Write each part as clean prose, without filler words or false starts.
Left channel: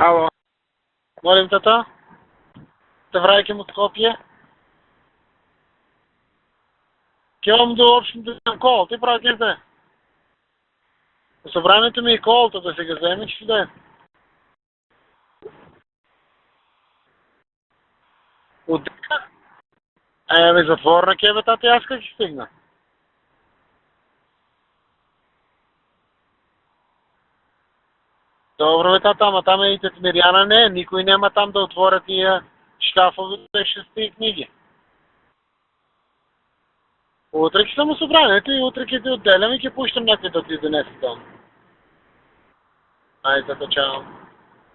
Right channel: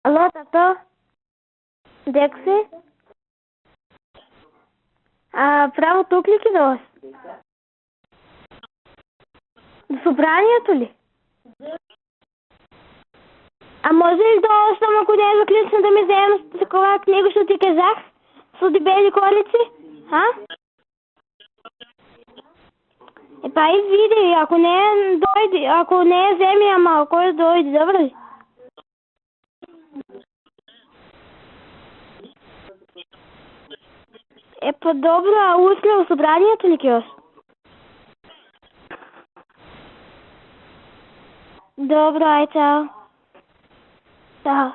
Ало, тато? Молим, тато, Дек си? те враќам од Скопје. Право тук ли кидаш? Ќе одам до општината кол, ти праќате. До събранието ли? Собранието ми е колото да се го вземе, че да е. А може ли да оставам, ако не е заключено да ми вземем такова книга, що ти казах? С бели колици? Ами затворна ке бе, тати, аз как ще стигна? Па и види, ако не дойде, ако не вземи, ама кой дойде, добре ли? Добро бе, тата, ама там е и Миряна не, никой няма там да отворят тия шкафовите шести книги. Па добро, а утре в събранието ли киос? Утре ќе съм събранието и утре ќе ти отделям и ќе пущам някой да ти донесе там. Добро, ай, чао. Ай, тата, чао. Чао.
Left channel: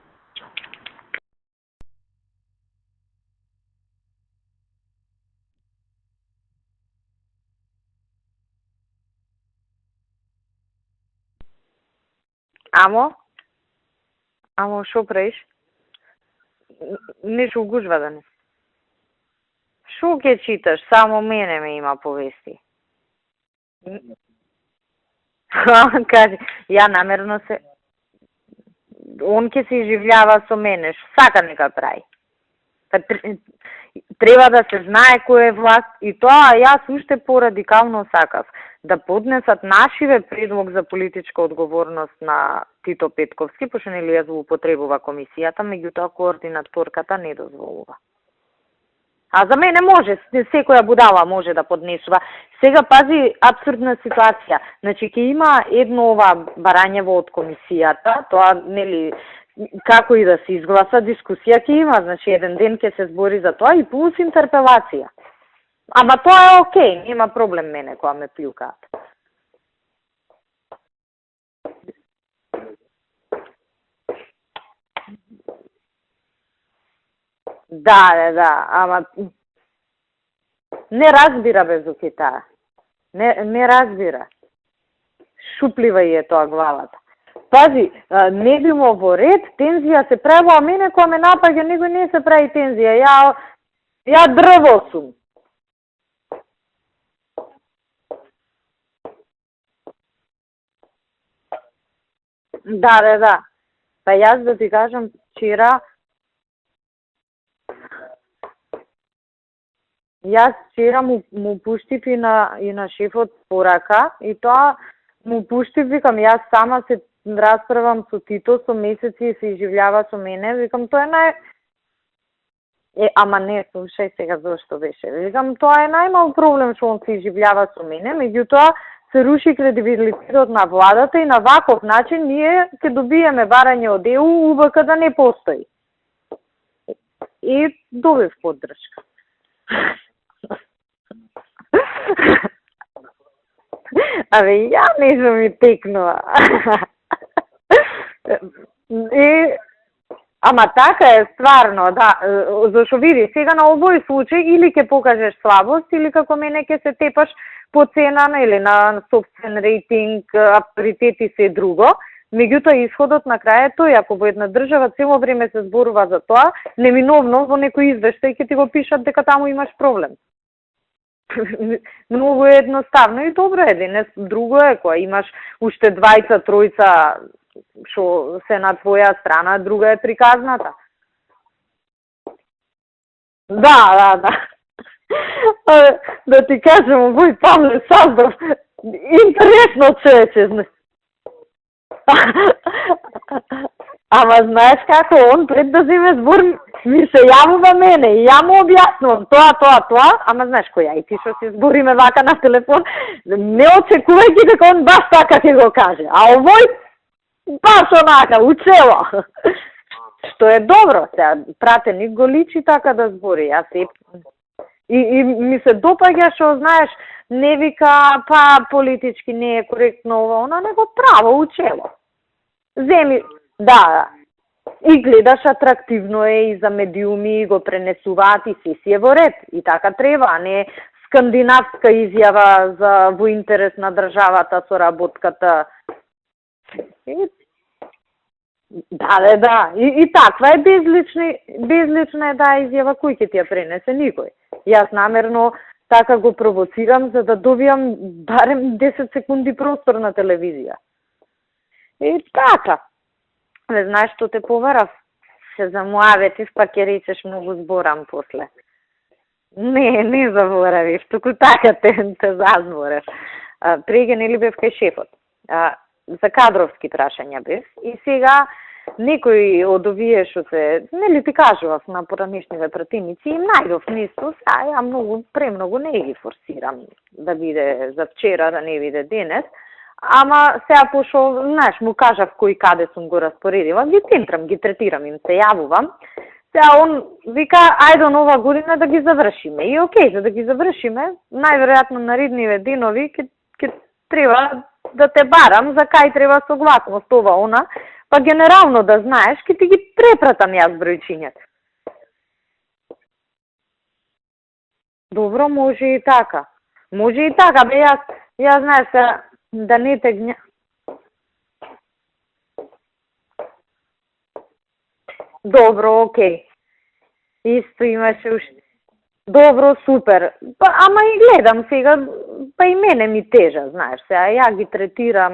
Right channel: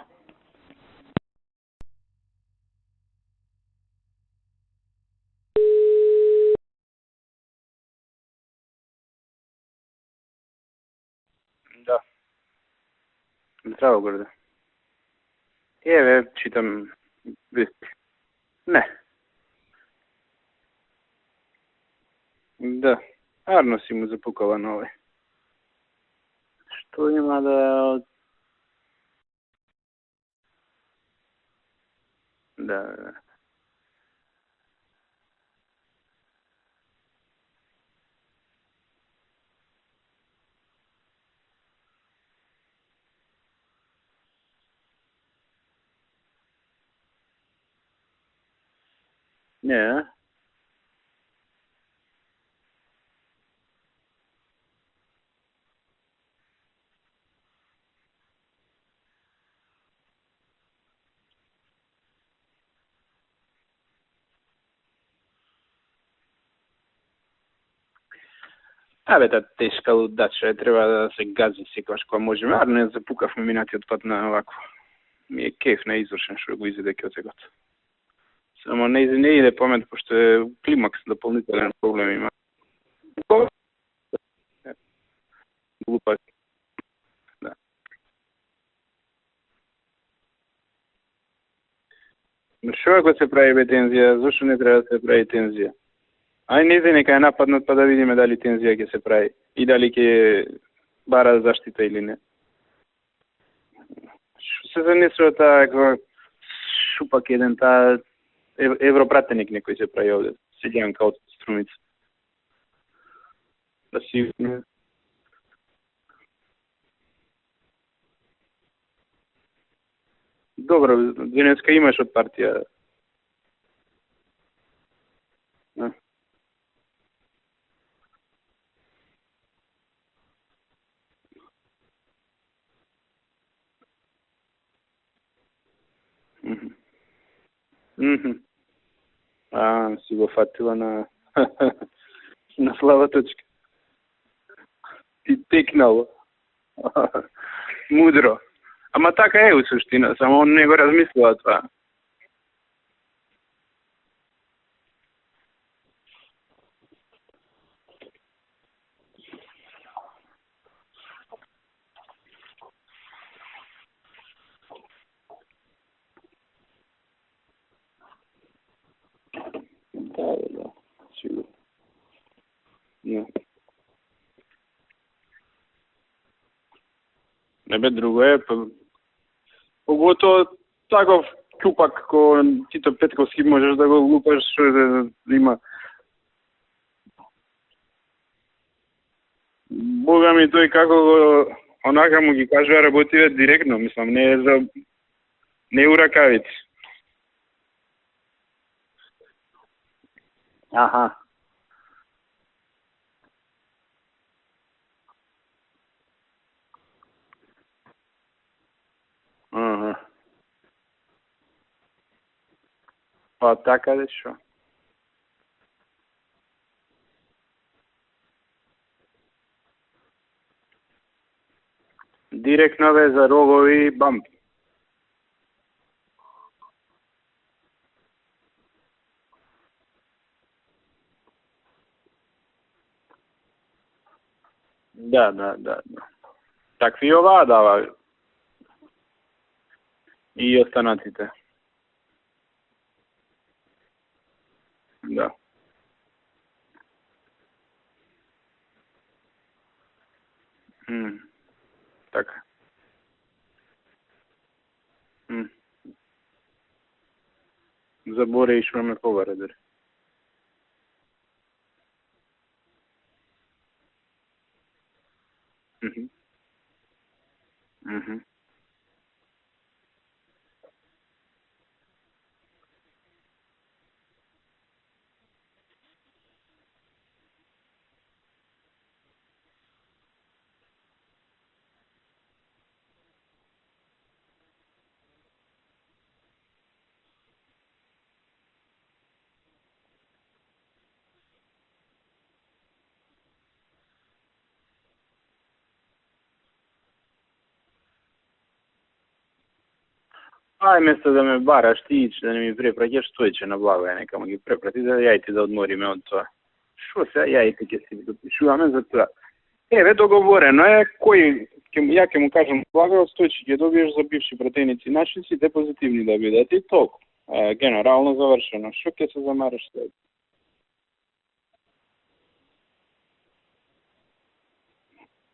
Да. Амо? Здраво, Горде. Амо, шо правиш? Еве, читам... Ништо гужва да не. Не. Шо ке читаш? Само мене ме има повести. Да. Арно си му запукала нове. Кажи, ја намерно се... Он ке се изживljava со мене, сака нека прави. Да. Треба да се знае кој е власт и тоа јас уште порадикално сакав. Да поднесат нашиве предлог за политичка одговорност на Тито Петковски, пошто нели ја злоупотребува комисијата, меѓутоа координаторката не дозволува. А за мене може, секоја будала може да поднесува. Сега пази апсурдна ситуација. Значи ќе има едно ова барањево од комисијата, тоа нели како и да се изгласа дискусија ќе има, значи еден ден ќе се збори за тоа и плюс интерпелација. Ама тоа е окей, нема проблем мене кога ме плюкаат. Абе, та тешка лудача, треба да се гази секогаш кога можеме. Арно ја запукавме минатиот пат на овако. Ми е кеф на извршен што го изеде ке од сегот. Да. Ама не иде памет, пошто е климакс. Не разбира бе за да. Не разбира. Шуплива е тоа главата. Пази, не било во ред, тензија се правила, а мене кога ме напаѓа, него не се прави тензија. Што да се прави бе тензија? Ја дрво сум. Се прави тензија. Ај не иде нека е нападнат па да видиме дали тензија ќе се прави и дали ќе бара заштита или не. Да. Па јас да ти кажам, вчера... шупак еден таа европратеник некој се прави овде. Јас вчера му пуштив и на шефот порака и тоа му пуштив, викам, јас сама се расправам со Тито, со месеци и се изживljava со мене. Викам, добро, денеска имаш од партија. Ама не, слушај сега зашто беше. Викам, тоа е најмал проблем што он се изживljava со мене, меѓутоа се руши кредибилитетот на владата и на ваков начин ние ќе добиеме барање од ЕУ, УВК да не постои. И добив поддршка. Си го фатила на на слава точка. Абе, ја не сум ми текнува. Мудро. Ама така е у суштина, само он не го така размислува. Ама така е, стварно, да. Зашо види, сега на овој случај или ќе покажеш слабост, или како мене ќе се тепаш по цена или на собствен рейтинг, авторитет и се друго. Меѓутоа, исходот на крај е тој, ако во една држава цело време се зборува за тоа, неминовно во некој извештај ќе ти го пишат дека таму имаш проблем. Многу е едноставно и добро е, денес друго е, кога имаш уште двајца, тројца што се на твоја страна, друга е приказната. Таков чупак ко Тито Петковски може да има. Да ти кажам, овој Павле Саздов, интересно се. Ами тој како го онака ми го кажува работира директно, мислам. Ама знаеш како, он пред да биде збор ми се јавува мене и ја му објаснувам тоа, ама знаеш кој, ти што си збориме вака на телефон, не очекувајќи дека он баш така ќе го каже, а овој баш онака, учела. Што е добро, сега пратеник го личи така да збори. Па така да шо. И ми се допаѓа што знаеш, не вика, па политички не е коректно ова, она него право учело. Директна веза, рогови и бам. И гледаш атрактивно е и за медиуми го пренесуваат и си е во ред. И така треба, а не скандинавска изјава за во интерес на државата со работката. Да. Такви оваа дава. Да. И таква е безлична е изјава, кој ќе ти ја пренесе? Никој. Јас намерно така го провоцирам за да добијам барем 10 секунди простор на телевизија. И така. Не знаеш што те поварав? Се замуаветив, па ќе речеш многу зборам после. Заборавиш ме побаре дори. Не заборавиш, туку така те зазборев. Преге нели бев кај шефот. За кадровски прашања бев. И сега некој од овие што се, нели ти кажував на поранешниве пратеници, им најдов место, ја премногу не ги форсирам да биде за вчера, да не биде денес. Ама сега пошо, знаеш, му кажав кој каде сум го распоредила, ги центрам, ги третирам, им се јавувам. Сега он вика, ајде нова година да ги завршиме. И окей, за да ги завршиме, најверојатно наредниве денови ќе треба да те барам за кај треба согласност ова она, па генерално да знаеш, ќе ти ги препратам јас вместо да ме бараш ти, да не ми препраќаш, стоече на благоја, нека ме ги препрати да ја Добро, може и така. Може и така, бе, јас знаеш да не договорено е кој ја ќе му кажам благоја, стоече ќе добиеш за бивши пратеници наши си те добро, окей. И толку. Генерално завршено. Што ќе се замени? Добро, супер. Па, ама и гледам сега, па и мене ми тежа, знаеш, сега ја ги третирам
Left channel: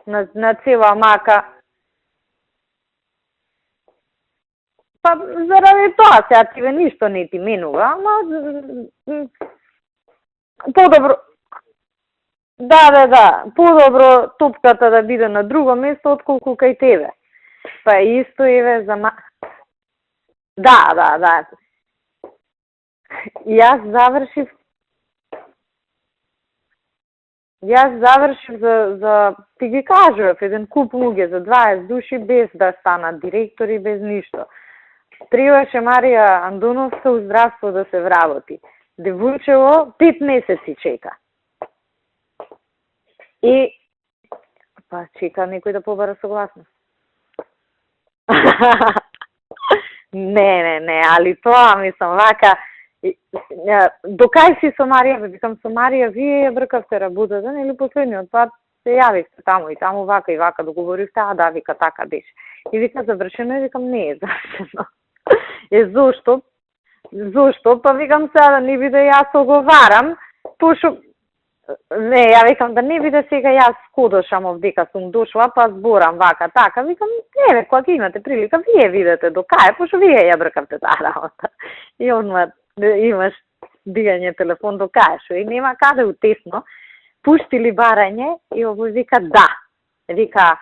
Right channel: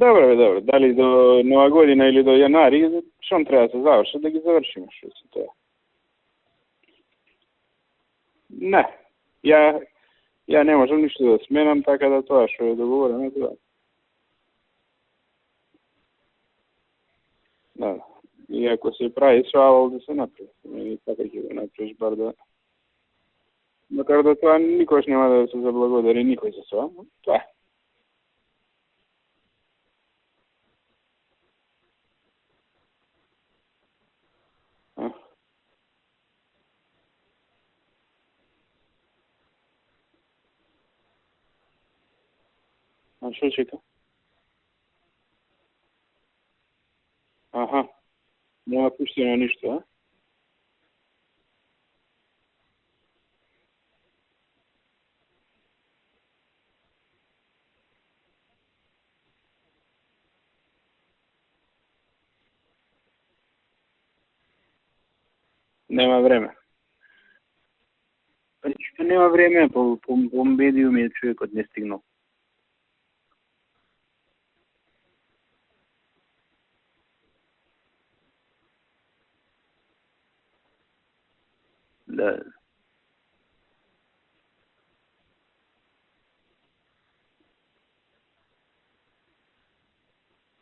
на цела мака. До Нова година или до јанари, што треба да се заврши, да ги завршиме. Па, заради тоа, сега тебе ништо не ти менува, ама... Не, ја не можам да сменам, така да тоа што... Да, подобро топката да биде на друго место, отколку кај тебе. Па исто и ве за... Се прави свавал да се направи. Да. Направиш бар да... Јас завршив... Тоа никош нема да се заблагодари никој за тоа, тоа. Јас завршив за... Ти ги кажував, еден куп луѓе за 20 души без да станат директори, без ништо. Требаше Марија Андоновска у здравство да се вработи. Девојчево 5 месеци чека. И... Па чека некој да побара согласност. Аха. Не пуштено ништо. Не, али тоа мислам вака. До кај си со Марија, викам со Марија, вие ја бркавте работата, нели последниот пат се јавивте таму и таму вака и вака договоривте, да, вика така беше. И вика завршено, и викам не е завршено. Зошто? Зошто? Па викам сега да не биде јас оговарам. Не, ја викам да не биде сега јас скодошам овдека сум дошла, па зборам вака, така. Викам, не, кога ќе имате прилика, вие видете до кај, пошто вие ја бркавте таа работа. И он имаш дигање телефон до кај, шо и нема каде утесно. Пуштили барање и овој вика да. Вика,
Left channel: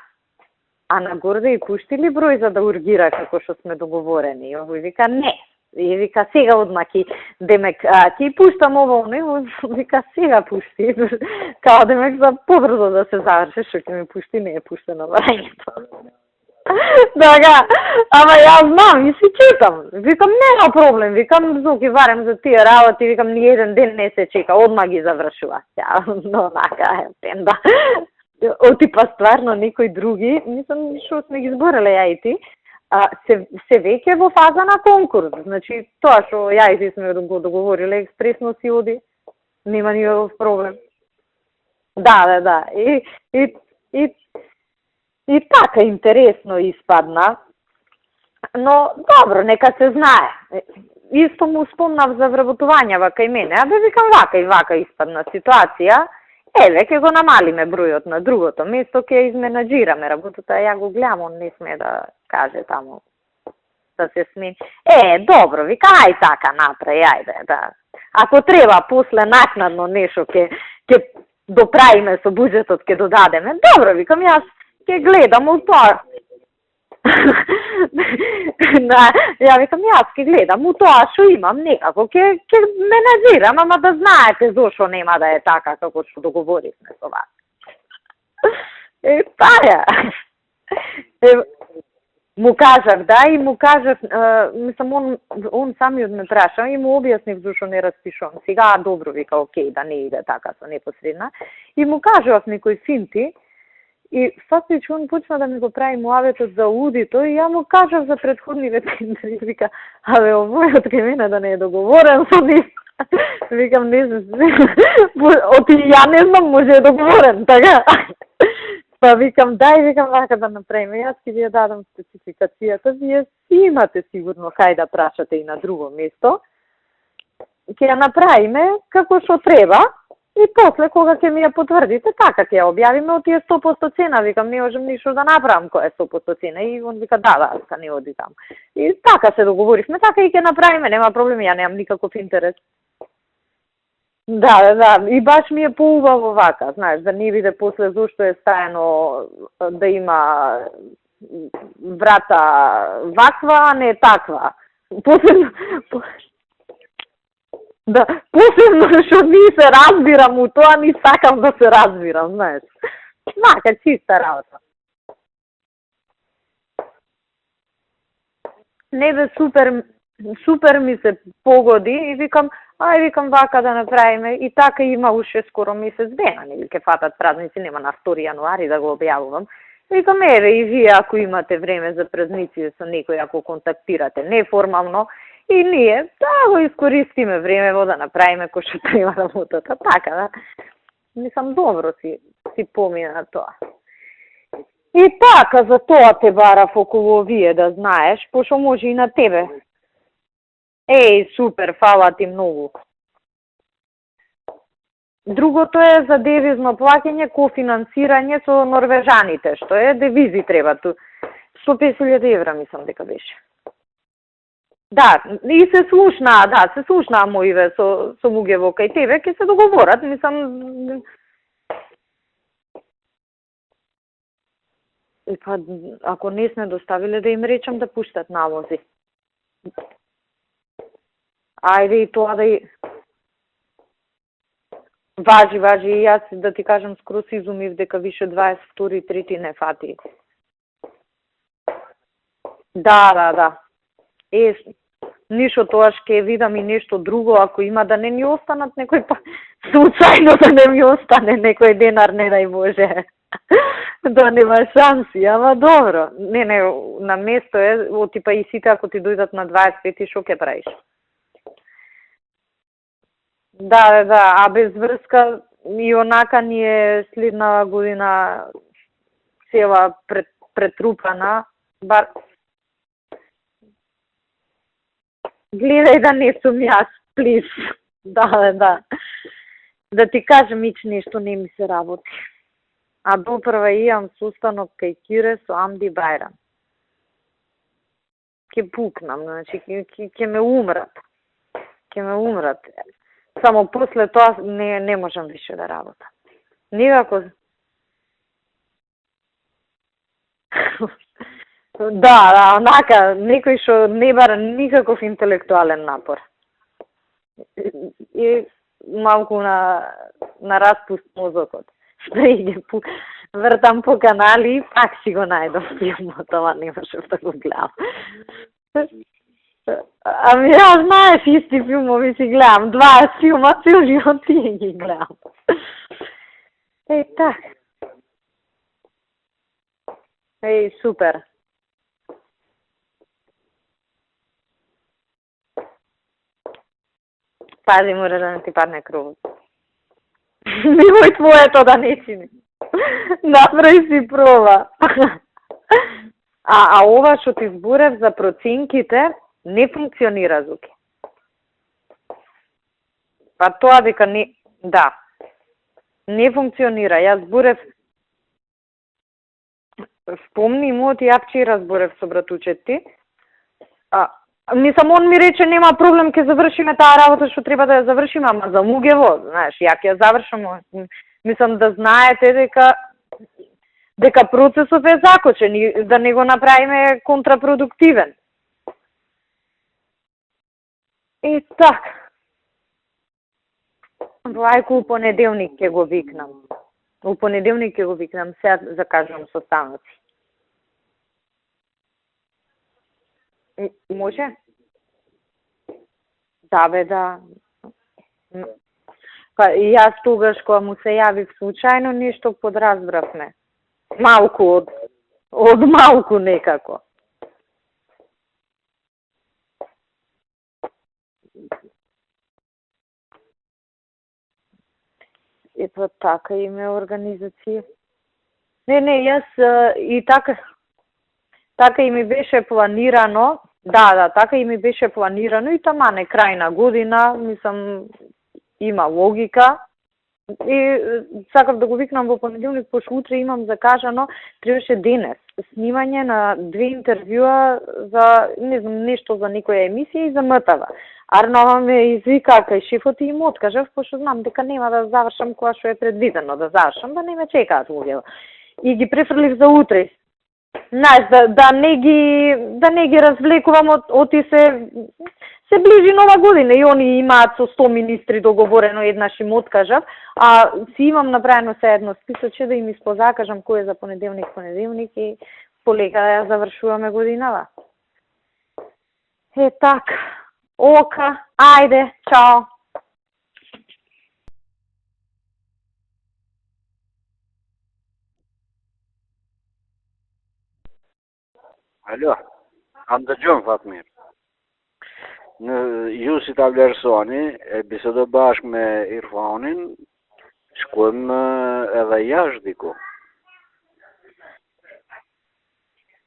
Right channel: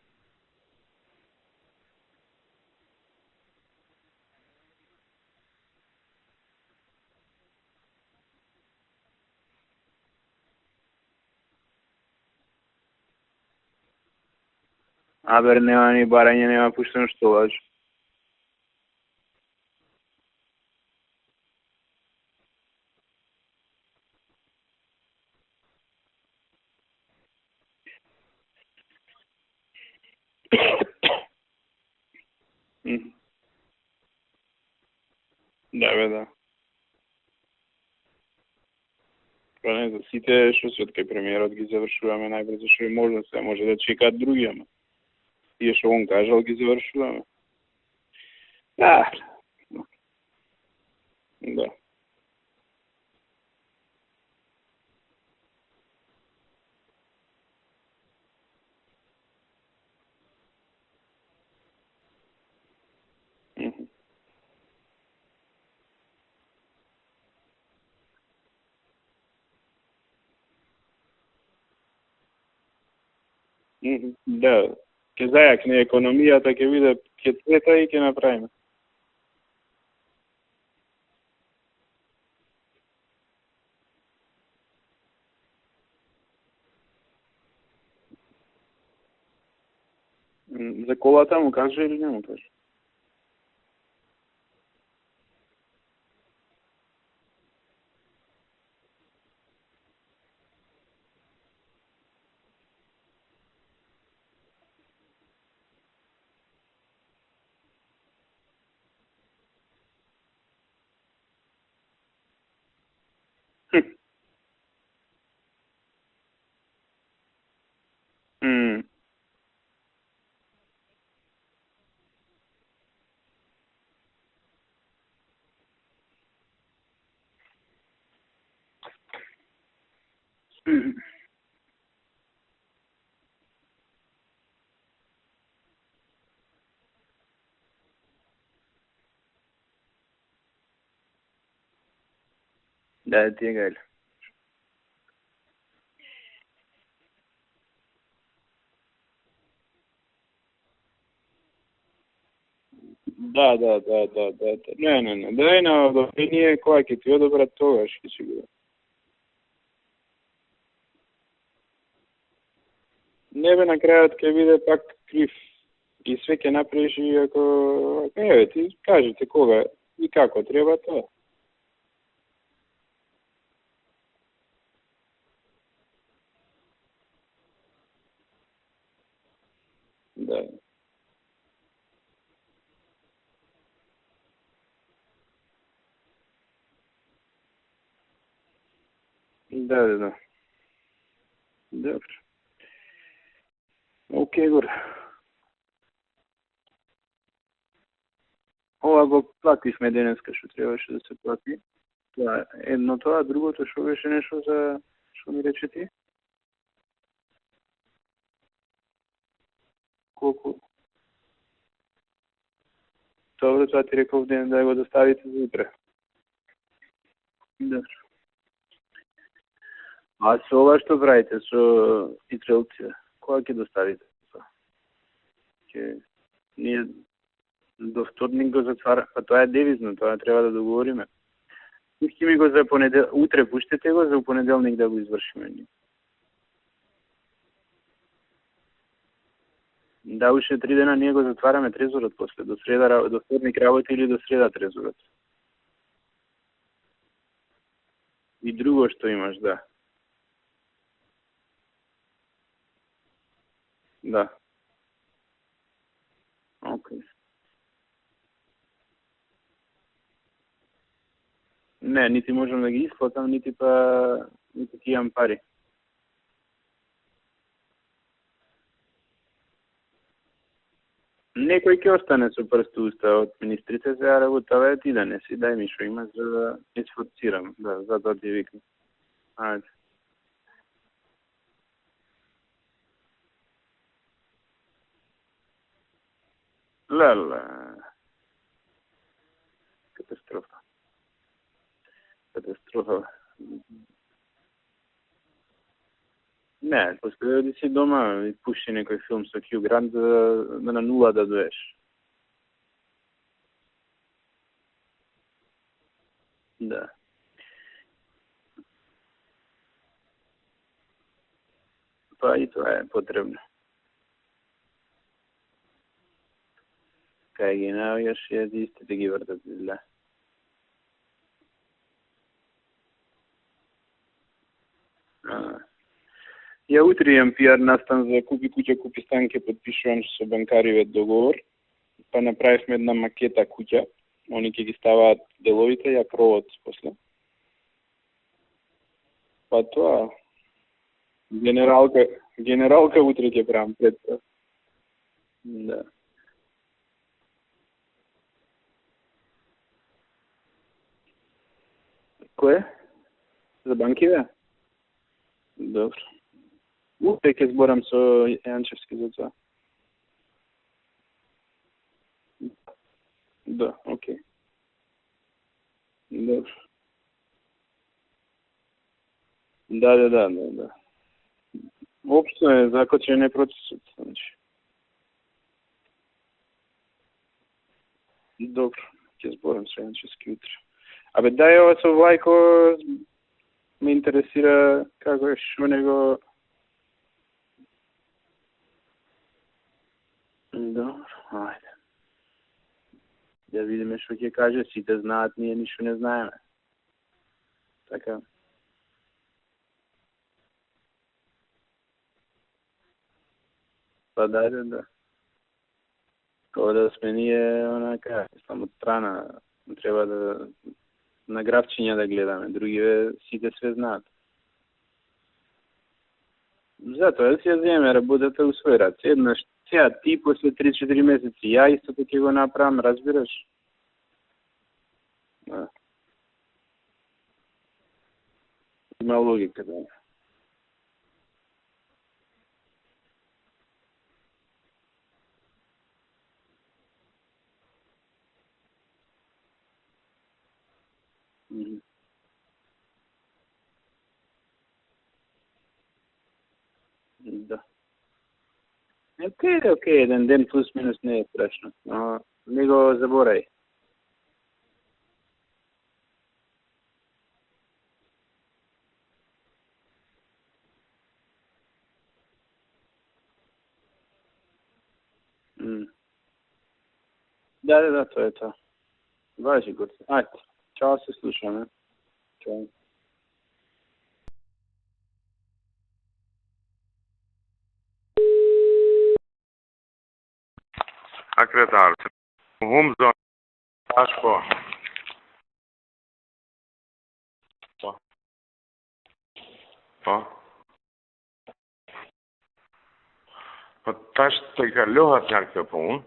а нагорде и пуштили број за да ургира како што сме договорени. И овој вика не. И вика сега одма ки демек ќе пуштам ово, не, вика сега пушти. Као демек за побрзо да се заврши, што ќе ми пушти, не е пуштено барање. Абер нема ни барање, нема пушти. Така, ама јас знам и си чекам. Викам нема проблем, викам зоки барем за тие работи, викам ни еден ден не се чека, одма ги завршува. Но нака е тенда. Отипа стварно некои други, мислам што сме ги збореле ја и ти. Се веќе во фаза на конкурс. Значи, тоа што ја и ти сме го договориле, експресно си оди. Нема никаков проблем. Што кај премиерот ги завршува. Да. Може да чекаат други, ама. И така интересно испадна. Но, добро, нека се знае. Исто му спомнав за вработување кај мене, а бе викам вака и вака испадна ситуација. Еве, ќе го намалиме бројот на другото место, ќе изменаџираме работата, ја го гледам, он не сме да каже таму да се смени. Добро, вика, ај така направи, ајде, да. Ако треба после накнадно нешто ќе доправиме со буџетот, ќе додадеме. Добро, викам, јас ќе гледам у тоа. Економијата ќе биде пета и ќе направиме. Да, ја викам, јас ќе гледам у тоа што имам, некако ќе менаџирам, ама да знаете зошто нема да е така како што договоривме со вас. Таа За колата му кажа или не му кажа? Му кажав, да, и му кажав, мислам, он самиот ме праша и му објаснив зашо не распишувам. Сега, добро, вика, окей, да не иде така со непосредна. И му кажав некои финти, и фактично он почна да ми го прави муаветот за аудито, и ја му кажав за предходниве тендери, вика, абе, овојот кај мене да не е договорен со нив. Викам, не знам, оти ја не знам, може е договорен, така? Па викам, дај, викам, вака да направиме, јас ќе ви ја дадам спецификацијата, вие си имате сигурно кај да прашате и на друго место. Ќе ја направиме како што треба И после, кога ќе ми ја потврдите, така ќе ја објавиме од тие 100% цена. Викам, не можам ништо да направам која е 100% цена. И он вика, да, не оди таму. И така се договоривме, така и ќе направиме, нема проблем, ја немам никаков интерес. Да, ти е гајле. Да, и баш ми е поубаво вака, знаеш, да не биде после зошто е стаено да има врата ваква, а не таква. Не, ние која ќе ти одобрат тогаш. Да, посебно што ми се разбирам у тоа, ни сакам да се разбирам, знаеш. Мака чиста работа. биде пак крив. И све ќе направиш и ако... ти кажи. Не бе, супер ми се погоди и викам, викам вака да направиме. И така има уште скоро месец дена, нели ќе фатат празници, нема на 2 јануари да го објавувам. Викам, и вие ако имате време за празници со некој, ако контактирате неформално, и ние да го искористиме времево да направиме кој што треба работата. Така, да. Мислам, добро си помина тоа. Океј, горе. И така, за тоа те барав околу овие, да знаеш, пошто може и на тебе. Плативме денеска што требаше. Супер, фала ти многу. Едно тоа, другото што беше нешто за... Другото е за девизно плаќање, кофинансирање со норвежаните, што е девизи треба ту. 150.000 евра мислам дека беше. Добро, тоа ти реков ден да го достави. Да, и се слушнаа моиве со луѓе кај тебе, ќе се договорат, мислам. А со ова што правите со итрелците? Кога ќе доставите? Па, ако не сме доставиле, да им речам да пуштат налози. Па тоа е девизно, тоа треба да договориме. Ајде и тоа да... Утре пуштете го, за понеделник да го извршите. Важи, и јас да ти кажам, скроз изумив дека више 22 и 3 не фати. Да, уште 3 дена ние го затвараме трезорот после, до среда работи или до среда трезорот. Ништо тоа ќе видам и нешто друго, ако има да не ни останат друго што имаш, да. Случајно да не ми остане некој денар, не дај Боже. Да нема шанси, ама добро. Не, на место е, типа и сите ако ти дојдат на 25, шо ќе правиш? Не, нити можам да ги исплатам, нити па... Да, а без врска и онака ни е следна година цела претрупана. Некој ќе остане со прст уста од министрите, сега работава ти да не си. Гледај да не сум јас, плиз. Да. Да ти кажем, ич нешто не ми се работи. А допрва имам сустанок кај Кире со Амди Бајрам. Леле. Ке пукнам, значи, ке ме умрат. Само после тоа не можам више да работам. Не, си дома и пушти некој филм со Хју Грант на нула да доеш. Да, онака, некој што не бара никаков интелектуален напор. Да. И малку на распуст мозокот. Вртам по канали и пак си го најдов филмот, ама не можев да го гледам. Исти ги вртат. Ами ја знаеш, исти филмови си гледам, 20 филма, цел живот ти ги гледам. Ја утре имам пиар настан за Купи куќа, купи стан, ке подпишувам со банкариве договор. Па направивме една макета куќа, они ќе ги ставаат деловите, ја кровот после. Пази, мора да не ти падне кровот. Па тоа. Немој твоето да не чини. Генералка утре. Направи си проба. А ова што ти зборев за проценките не функционира, Зуки. Кое? Па тоа дека не... Да. Добро. Не функционира. Јас зборев... Зборам со Јанчевски за тоа. Спомни му, ја вчера зборев со братучет ти. Да. Мислам, он ми рече, нема проблем, ќе завршиме таа работа што треба да ја завршиме, ама за Мугево, знаеш, ја ќе завршам. Мислам да знаете дека... Закочен е процесот. Дека процесот е закочен и да не го направиме контрапродуктивен. Добро, ќе зборам со Јанчевски утре. Абе, дај ова со Влајко ме интересира... Влајко у понеделник ќе го викнам. У понеделник ќе го викнам, сега закажувам состаноци. Добро, ајде. Да видиме што ќе каже, сите знаат, ние ништо не знаеме. Да, бе, да. Така. Па и јас тогаш кога му се јавив случајно нешто подразбравме. Малку од малку некако. Ода сме ние онака, само од страна, треба да на графчиња да гледаме, другиве сите све знаат. Па така и ме организира. Затоа да си земе работата у свој рад. Не, јас и така со 3-4 месеци. Така и ми беше планирано. Да, така и ми беше планирано и тамане крај на година, мислам има логика. И сакав да го викнам во понеделник, пошто утре имам закажано, требаше денес снимање на 2 интервјуа за, не знам, нешто за некоја емисија и за МТВ. Арнова ме извика кај шефот и им откажав, пошто знам дека нема да завршам која што е предвидено да завршам, да не ме чекаат луѓето. И ги префрлив за утре. Еден ден плюс. Знаеш, да не ги развлекувам од и се ближи нова година и они имаат со 100 министри договорено, еднаш им откажав, а си имам направено се едно списоче да им испозакажам кој е за понеделник и полека да ја завршуваме годинава. Да, тоа е тоа. Е така. Ока, ајде, чао. Akretar. Alo. Anlatıyorum Fatma. Ashpo. Ju si ta vlerësoni, e bisedoj bashkë me Irfanin, Po. shkojmë edhe jashtë diku. Po tash të kalohat nga kjo punë.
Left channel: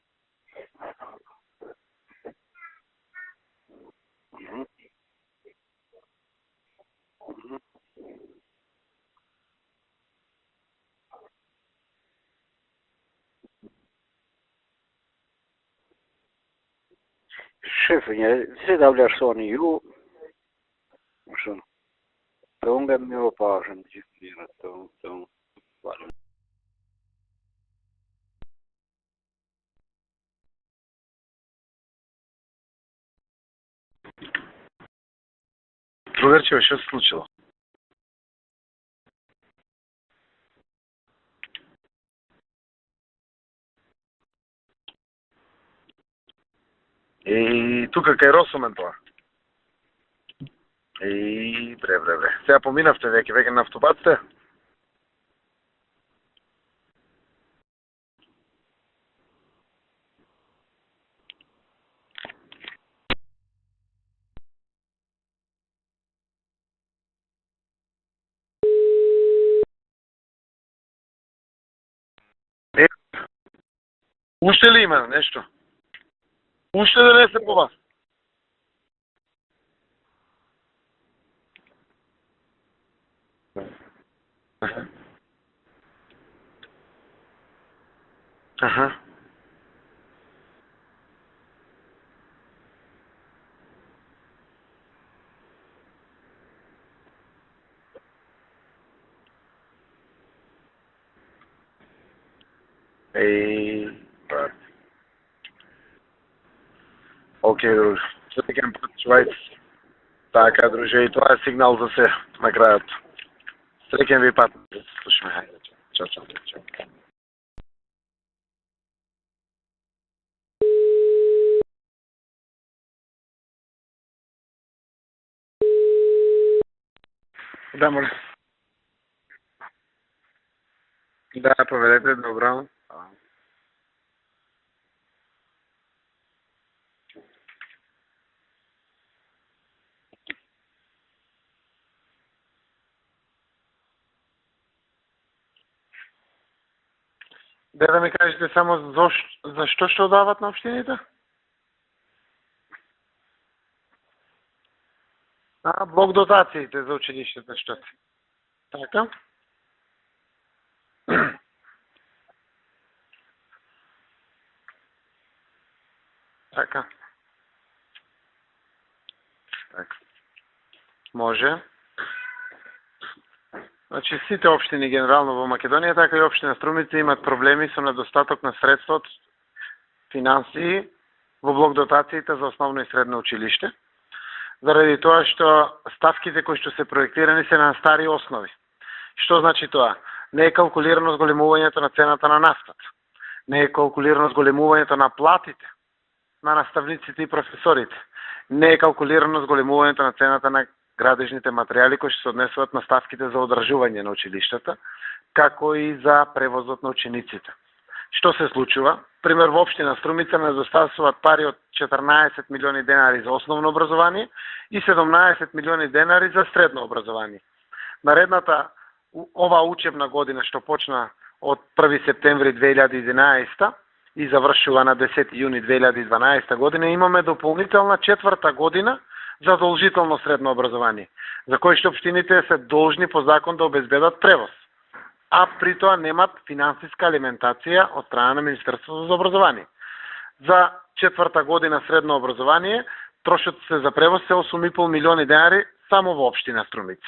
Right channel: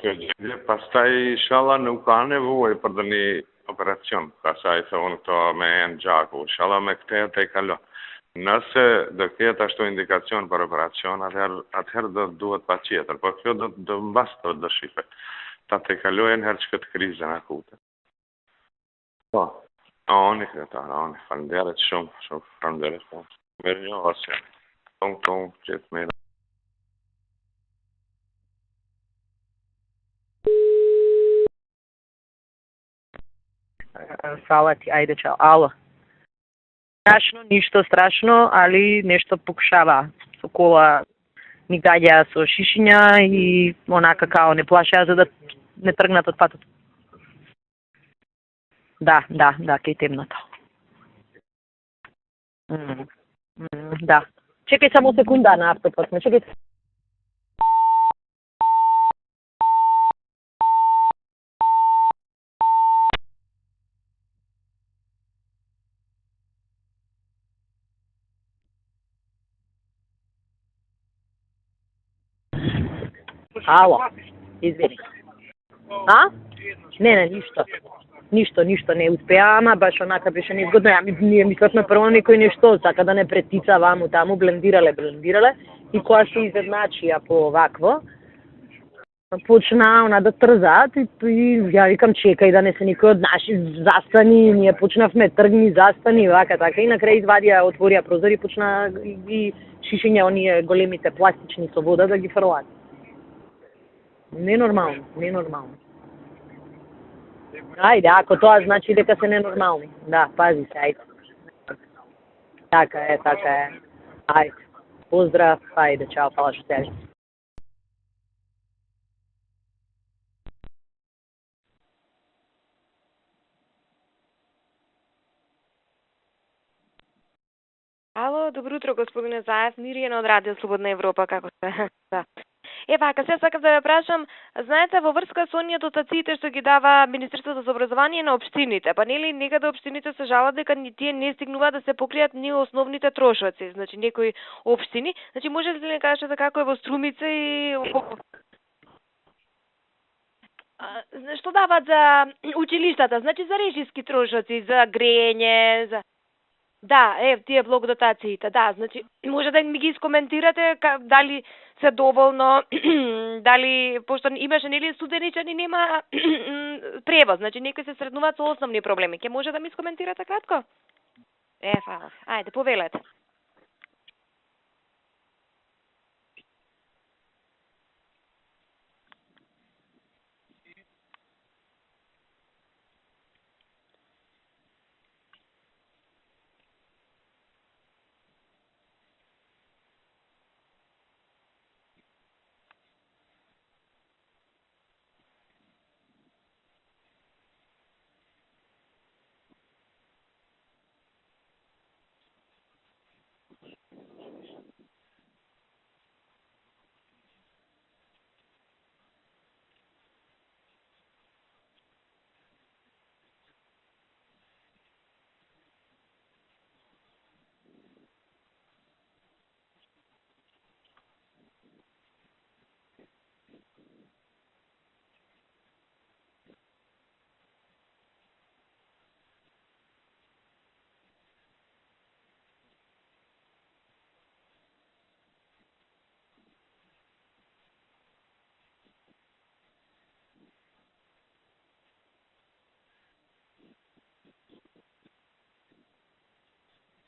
Kjo gjendje, pastaj inshallah nuk ka nevojë për një operacion. Pastaj se unë këto me enë gjaku. Inshallah me këtë të kalo. Nëse do ketë ashtu indikacion për operacion, atëherë do duhet pa tjetër. Po kjo do mbas do shipe. Ta të kalojnë herë që këtë krizën aku. Shefë, si ta vlerësoni ju? Oni, faleminderit shumë. Unë me u parë. Mirë një ose. Tonë, gjithë mirë. Фала ти, ајде чао. Ало. Другарче, што се случило? Страшно, ништо страшно, али нешто покушава. Со кола ми гаѓа со шишиња и онака као не плашеа за да не тргнат од патот. И тука кај Росомен тоа? Да, кај темното. И бре. Сега поминавте веќе на автобат сте? Да. Чекај само секунда на автопат, чекај. Ало. Уште ли има нешто? А? Уште не се пова? Ништо не успеа, ама баш онака беше неизгодно. Ние мислевме прво некој нешто, сака да не претица ваму таму, блендирале и кога се изедначија по вакво, почна она да трзаат и ја викам чекај да не се никој од наши застани, ние почнавме тргни, застани, вака така и на крај извадија, отворија прозор и почна ги шишиња оние големите пластични со вода да ги фрлаат. Ненормално. Океј. Ајде, ако тоа значи дека се ненормални. Да. Така, друже, и тоа е сигнал за се на крајот. Така е. Среќен ви пат. Поздрав, ајде, чао, фала што те. Да, може. Ало, добро утро, господине Заев, Миријана од Радио Слободна Европа, како Да, сте? поведете, добро. Вака, сега сакам да ве прашам, знаете, во врска со оние дотациите што ги дава Министерството за образование на општините, па нели некаде општините се жалат дека тие не стигнуваат да се покријат ни основните трошоци, значи некои општини, значи можете ли да кажете како е во Струмица и... Да ми кажете само за што дават на општините? Што дават за училиштата, значи за режиски трошоци, за грење, за... Блок дотациите за Да, училиштата. тие блок дотациите, да, значи може да ми ги искоментирате дали се доволно, дали пошто имаше нели студеничани нема превоз, значи некои се сретнуваат со основни проблеми. Ке може да ми искоментирате кратко? Може. Фала. Ајде, повелете. Значи сите општини генерално во Македонија, така и општина Струмица имаат проблеми со недостаток на средства од финансии во блок дотациите за основно и средно училиште. Заради тоа што ставките кои што се проектирани се на стари основи. Што значи тоа? Не е калкулирано зголемувањето на цената на нафтата. Не е калкулирано зголемувањето на платите на наставниците и професорите. Не е калкулирано зголемувањето на цената на градежните материјали кои што се однесуваат на ставките за одржување на училиштата, како и за превозот на учениците. Што се случува? Пример, во општина Струмица недостасуваат пари од 14 милиони денари за основно образование и 17 милиони денари за средно образование. Наредната ова учебна година што почна од 1 септември 2011 и завршува на 10 јуни 2012 година, имаме дополнителна четврта година задолжително средно образование, за кој што општините се должни по закон да обезбедат превоз, а при тоа немат финансиска алиментација од страна на Министерството за образование. За 4-та година средно образование трошоците за превоз се 8,5 милиони денари само во општина Струмица.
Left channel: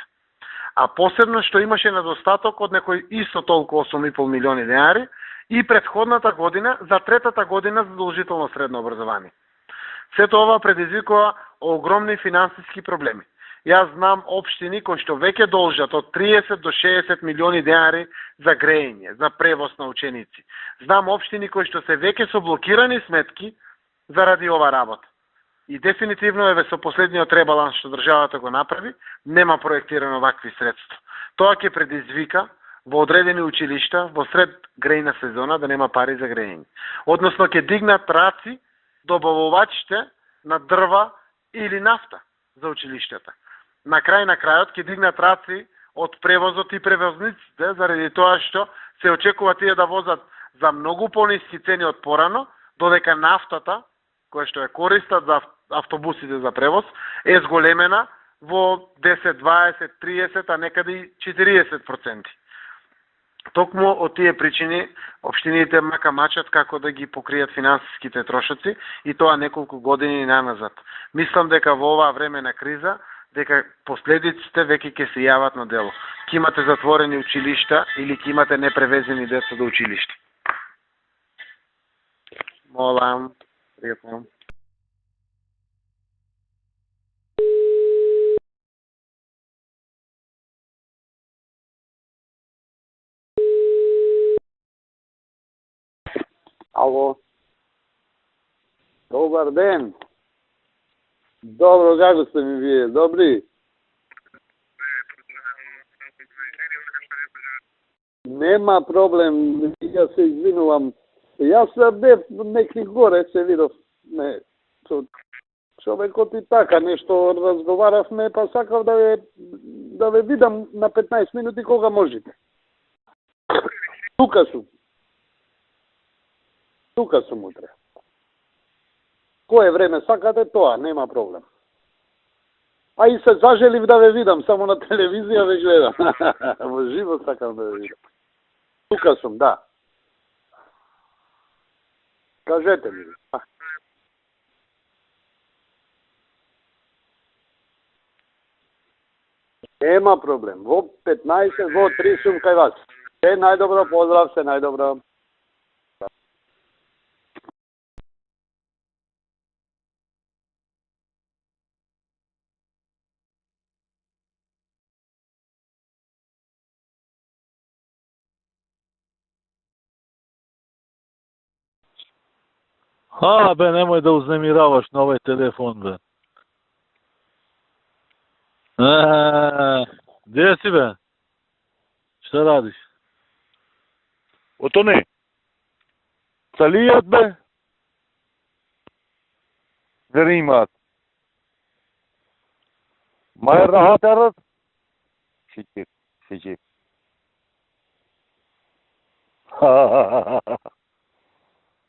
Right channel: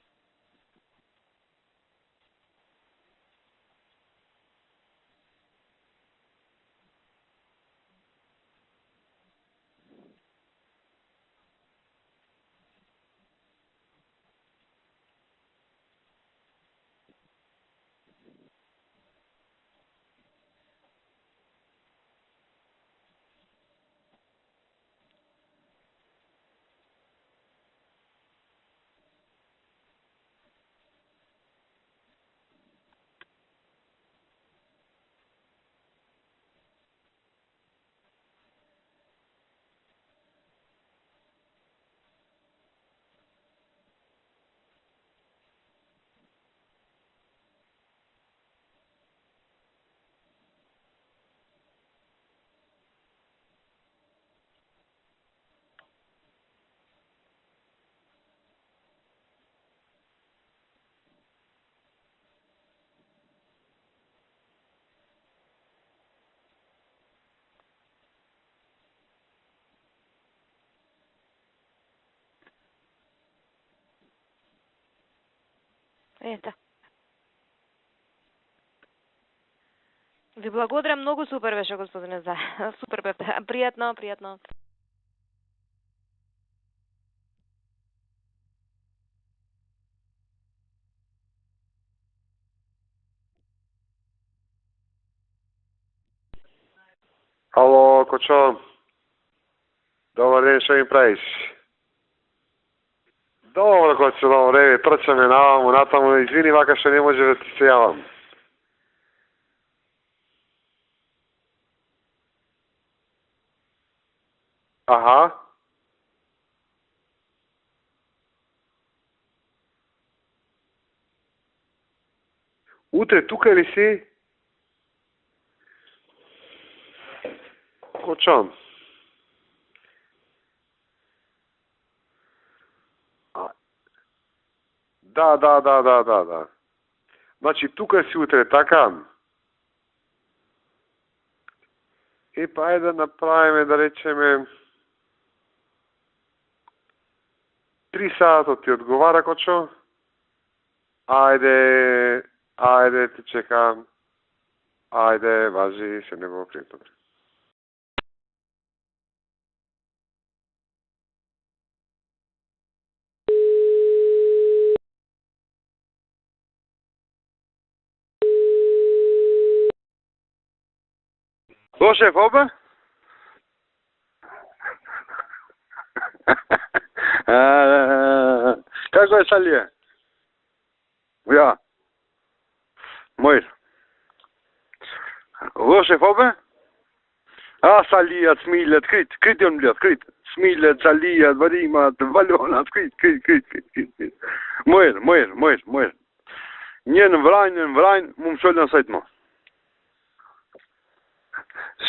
А посебно што имаше недостаток од некој исто толку 8,5 милиони денари и предходната година за 3-та година задолжително средно образование. Сето ова предизвикува огромни финансиски проблеми. Јас знам општини кои што веќе должат од 30 до 60 милиони денари за грејење, за превоз на ученици. Знам општини кои што се веќе со блокирани сметки заради ова работа. И дефинитивно еве со последниот ребаланс што државата го направи, нема проектирано вакви средства. Тоа ќе предизвика во одредени училишта во сред грејна сезона да нема пари за грејење. Односно ќе дигнат раци добавувачите на дрва или нафта за училиштата. На крајот ќе дигнат раци од превозот и превозниците заради тоа што се очекува тие да возат за многу пониски цени од порано, додека нафтата која што е користат за автобусите за превоз е зголемена во 10, 20, 30, а некаде и 40%. Токму од тие причини општините мачат како да ги покријат финансиските трошоци и тоа неколку години наназад. Мислам дека во оваа време на криза дека последиците веќе ќе се јават на дело. Ќе имате затворени училишта или ќе имате непревезени деца до училиште. Ви благодарам, многу супер беше, господине за. Молам. Пријатно. Ало, Ало, Кочо, добар ден. добар ден, што ми правиш? Добро, како сте ми вие? Добри? Добро, Кочо, добре, трчаме наваму, натаму, извини, вака што не може да ти се јавам. Нема проблем, јас се извинувам. Јас бев некли горе, се видов. Не. Аха, Човекот и така нешто разговаравме, па сакав да ве видам на 15 минути кога можете. утре тука ли си? Тука сум. Тука сум утре. Кочо, Кое време сакате тоа, нема проблем. А и се кажелив да ве видам само на телевизија. Да, ве гледам. да. Во живо сакам значи да ве тука си утре, така? видам. Тука сум, да. И Кажете прај да ми. направиме, да речеме, 3 сата ти одговара, Кочо? Нема проблем. Во 15, Ајде, во 3 сум кај вас. ајде, ти Се чекам. најдобро, поздрав, се најдобро. Ајде, важи, се не го пријатно. Со шеф, обе? Бе, немој да узнемираваш на овој телефон, бе. Како е Салија? Где си, бе? Ја, Šta radiš? мој. Ото не. Во шеф, обе? Салијат, бе? Салијат, смилјат, крит он блјат, крит. Рима. Смилјат, салијат, варимат, валjonat, крит. Мајер рахатарот? Мојер. Njën vrajnë, mu më sholën sajtë mo.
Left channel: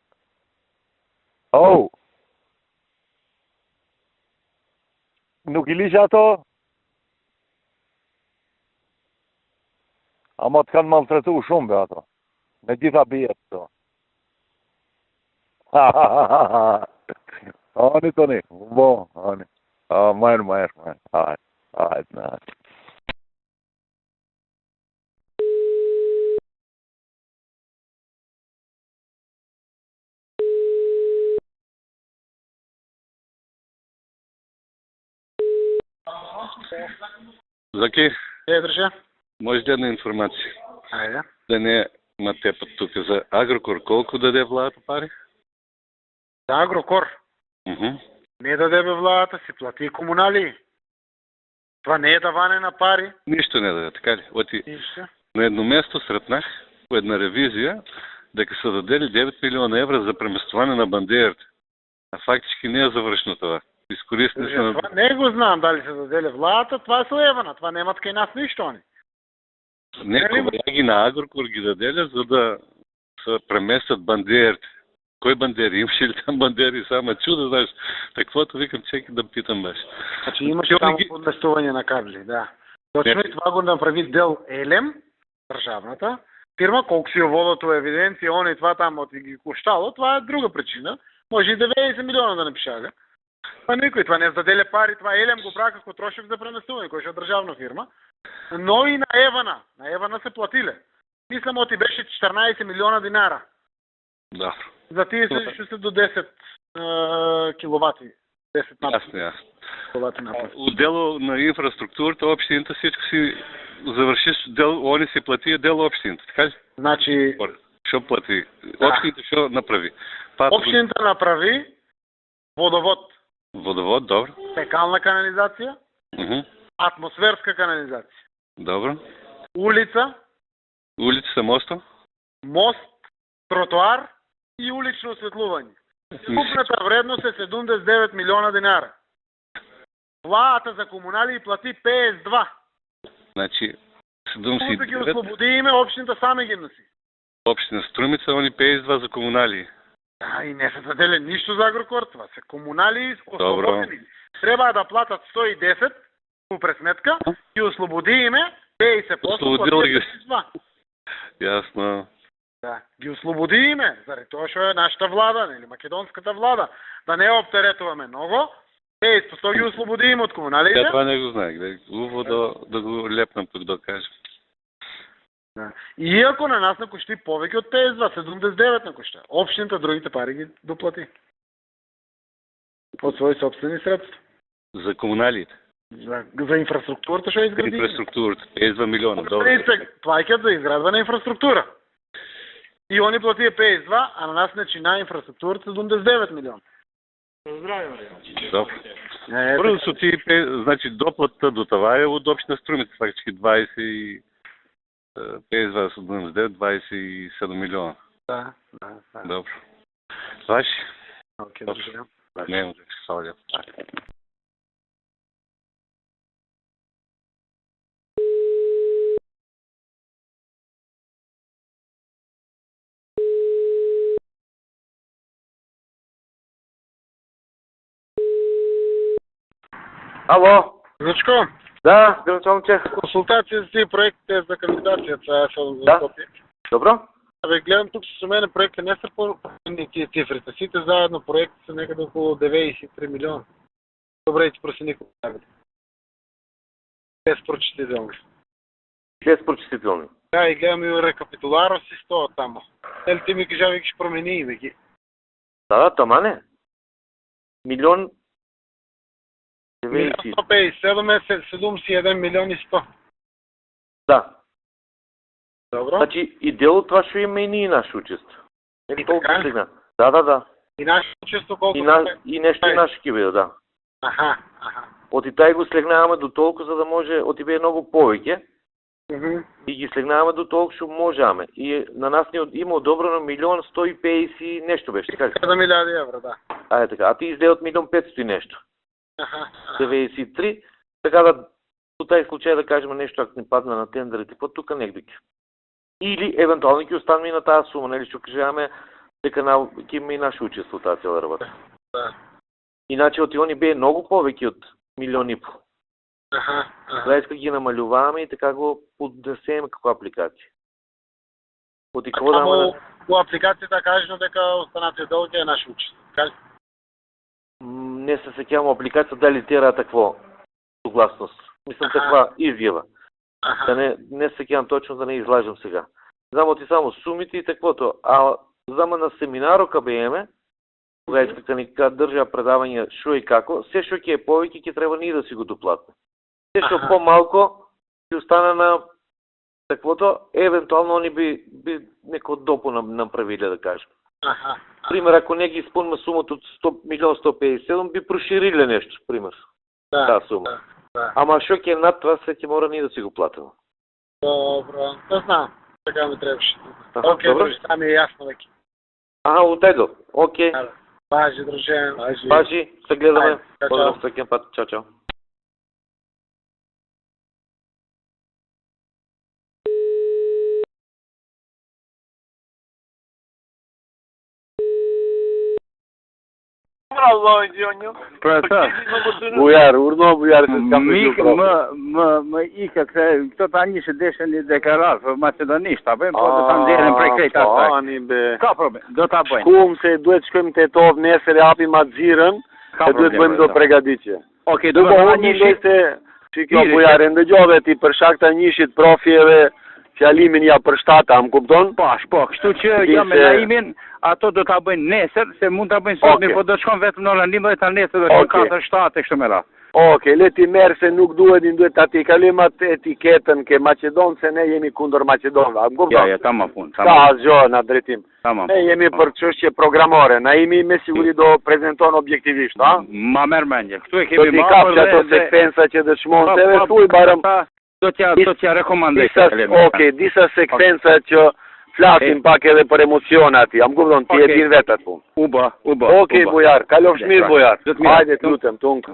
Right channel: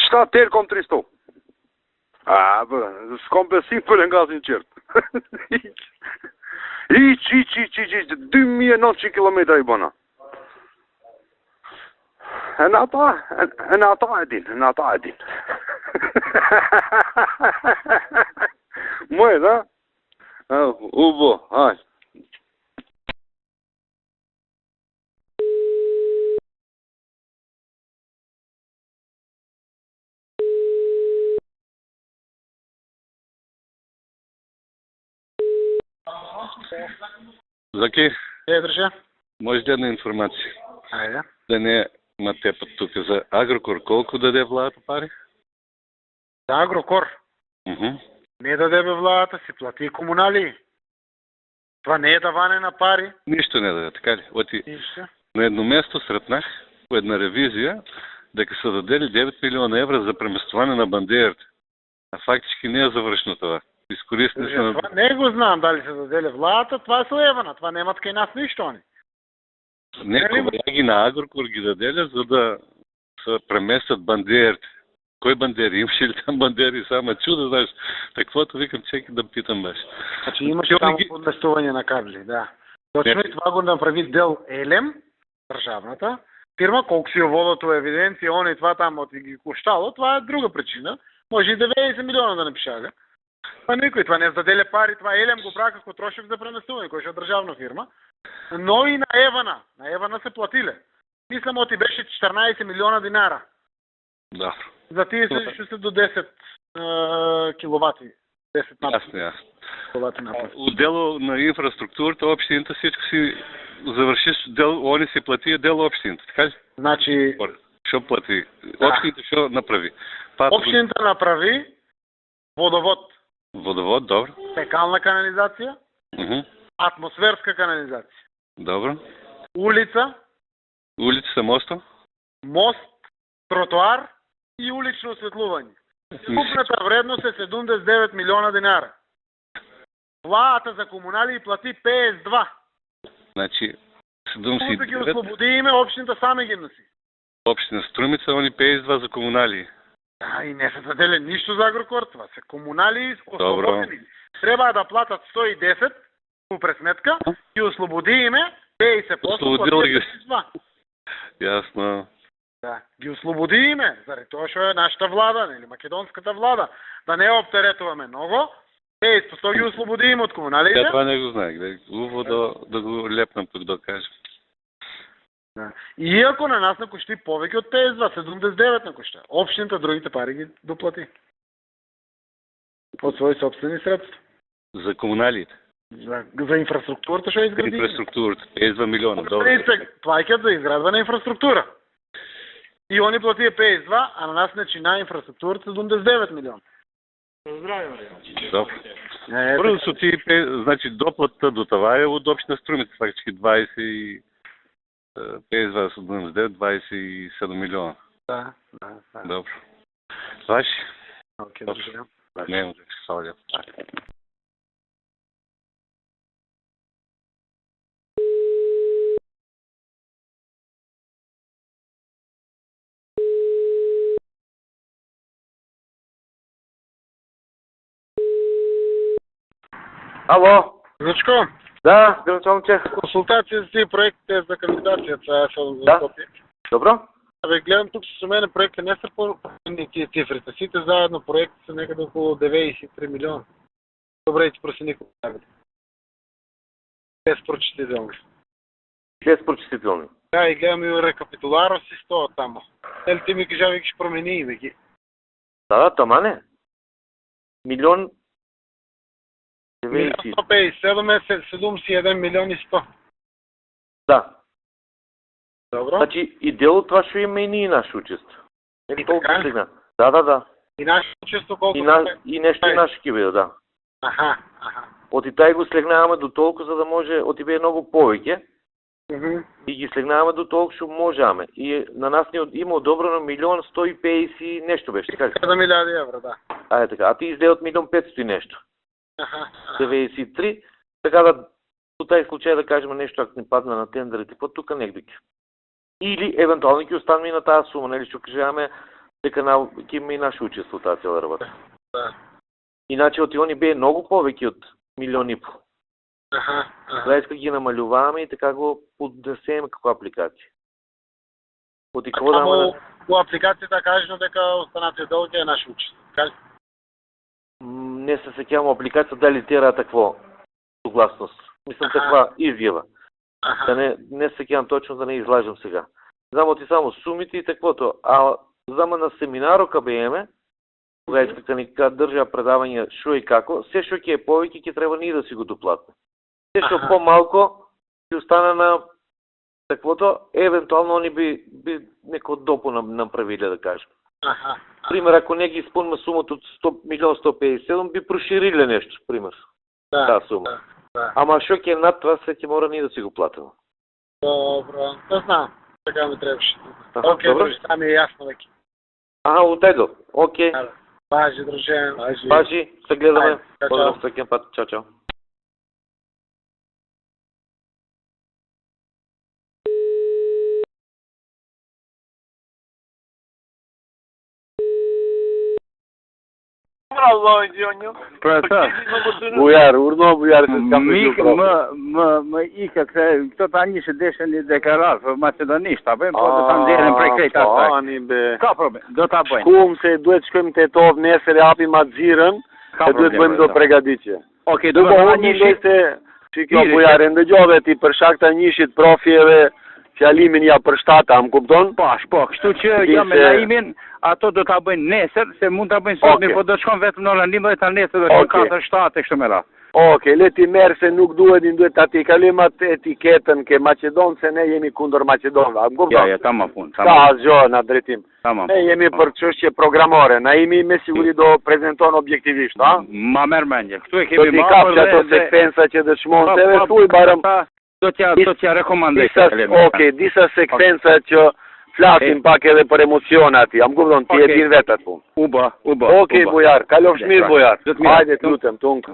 Shta tërë kom 300. Oh, S'kom besim për nga si në qërtë. nuk i lish ato? Hiq, 2900 kilometra i bona. Ama të kanë maltretu shumë, be ato. Në gjitha pjetë ato. ata e din. Ani të ne, bo. Mojë, da? Majrë. U bo, haj. Hajde. Заки, Држа. може една информация. Ајде. Да не ма тепат тук за Агрокор, колко даде владата пари? За Агрокор не даде бе владата, си плати и комунали. Това не е даване на пари. Нищо не даде, така ли? Оти Нищо. на едно место сретнах по една ревизия дека са дадели 9 милиона евра за преместване на бандерите. А фактически не е завршено това. Изкористни са на... Това не го знам дали се даде владата, това е слоевана, това немат кај нас ништо они. Не, колеги на Агрокор ги даделя, за да се преместят бандерите. Кой бандери? Имаше ли там бандери? Само чудо, знаеш. Таквото викам, чекай да питам беше. Значи имаше само подместување на кабли, да. Точно и това го направи Дел Елем, државната фирма, колку си ја водат у евиденција, они това тамо ти ги коштало, това е друга причина. Може и 90 милиона да напишага. Па никој това не заделе пари, това Елем го прави како трошок за преместување, кој е државна фирма. Но и на Евана се платиле. Мислам, оти беше 14 милиона динара. Да. За тие се до 10 киловати. 10 Ясно, ясно. киловати напад. Отдело на инфраструктурата, общината всичко си завършиш, они си плати, дело общината, така ли? Значи... Шо плати? Общината шо направи? Общината направи водовод. Водовод, добро. Фекална канализация, атмосферска канализация. Добро. Улица, Улица Мосто? мост, тротоар и улично осветлување. Купната вредност е 79 милиона динара. Владата за комунали плати 52. Значи, Колку да ги 79, ослободи име, общината саме ги носи. община Струмица, они 52 за комунали. И не се заделе ништо за Агрокор, това се комунали Добро. ослободени. Треба да платат 110 по пресметка и ослободи име 50% Ослободил ги. 52. Ясно. Да, ги ослободи име, заради тоа што е нашата влада, или македонската влада. Да не обтеретуваме много, 50% ги ослободи име од комуналите. Я това не го знаех. Хубаво да го лепнам тук да кажем. Да. Иако на нас накошти повеќе од 52, 79 накошта. Општината другите пари ги доплати. Од своји собствени средства. За комуналите. За инфраструктурата што изгради. Инфраструктурата, 52 милиона. Добро. Плаќаат за изградба на инфраструктура. И они платија 52, а на нас начина инфраструктурата 79 милиона. Добро. Първо са ти, значи доплата до това е от община Струмица, фактически 20 и 52 са 27 милиона. Да. Добро. Ваши? Окей, добре. Не, да се слагат. Ало? Зачко, Да, здравейте, момче. консултации за тия проектите за кандидацията за Да. Скопие. Добро? Абе, гледам тук с мене проекти не са по-ни тия цифрите. Сите заедно проекти са некъде около 93 милиона. Добре, ти просени колко. Без прочитителни. Без прочистителни. Да, и гледам и рекапитуларо си стоя там. Дали ти ми кажа, вики, ще промени име ги. Да, тама не. Милион... Милион 157 е 71 милион и 100. Да. Добро. Значи и дело това ще има и ние наше учество. И така? Да. И наше учество колко? И нещо и наше кибе, да. Аха. От и тай го слегнаваме до толкова, за да може, от и бе много повече. И ги слегнаваме до толкова, ще можаме. И на нас ни има одобрено 1 150 нещо беше, така ли? 7 милиарди евро, да. Е така. А ти изде от 1 500 нещо. Аха. 93. Така да, по тази случай да кажем нещо, ако ни падне на тендерите, по тук негдики. Или евентуално ги останем и на тази сума, нали, ще кажем, дека има и наше учество тази цяла работа. Да. Иначе от они бе много повече от 1,5 милиона. Аха. Сега ги намалюваме и така го поднесеме како апликация. От и какво Само по апликацията кажено дека останатите дълги е наше учество. Така ли? Не се сеќавам апликација дали тера такво согласност. Мислам таква изјава. Да не се сеќавам точно, да не излажам сега. Знам ти само сумите и таквото. А знам на семинаро КБМ, кога искаха ни држа предавање шо и како, се шо ќе е повеќе, ќе треба ние да си го доплатиме. Се шо по-малко ќе остане на таквото, евентуално они би неко допо направиле, да кажем. Пример, ако не ги изпълним сумата от 100 милион 157, би проширили нещо, пример. Да, сума. Да. Ама шо ќе над това, се ќе мора ние да си го платим. Добро, да знам. Така ми трябваше. Окей, друже, това ми е ясно веки. Отедо. Окей. Пажи, друже. Пажи, се гледаме. Чао. Всеки път. Чао. Allah Gjonjo. Pra sa, Bujar, urno bujar se s'kam mikë më ikë këto tani që deshen një deklarat për Macedonisht, ta bëjmë, po do ta nxjerrim prej krejt asaj. Ani be. Ka problem, do ta bëjmë. Shkum se duhet shkojmë te Tov nesër e hapim atë xhirën, e duhet bëjmë do pregaditje. Okej, do të bëjmë një shit. Që kjo bujare ndëgjove ti për shkak të njëshit profjeve fjalimin ja përshtata, më kupton? Po, kështu që jam me Naimin, ato do ta bëjnë nesër, se mund ta bëjnë sot, po do shkon vetëm në orën 11 nesër do shkon 4-7 e kështu me radhë. Okej, le ti merr se nuk duhet ta ti kalojmë atë etiketën ke Maqedon se ne jemi kundër Maqedonëve. Më kupton? Ja, tamam pun. Ka asgjë në drejtim. Tamam. Ne jemi për çështje programore. Naimi me siguri do prezanton objektivisht, ha? Ma merr mendje. Këtu e Do kemi t'i marrë kapsh ato sekvenca që dëshmon se ve thuj barëm. Do t'ja rekomandoj. Okej, disa sekvenca që flasim pak edhe për emocione aty. Am kupton, ti e din vetë atë punë. U bë. Okej, bujar, kalofsh mirë bujar. Hajde, lutem, tunka.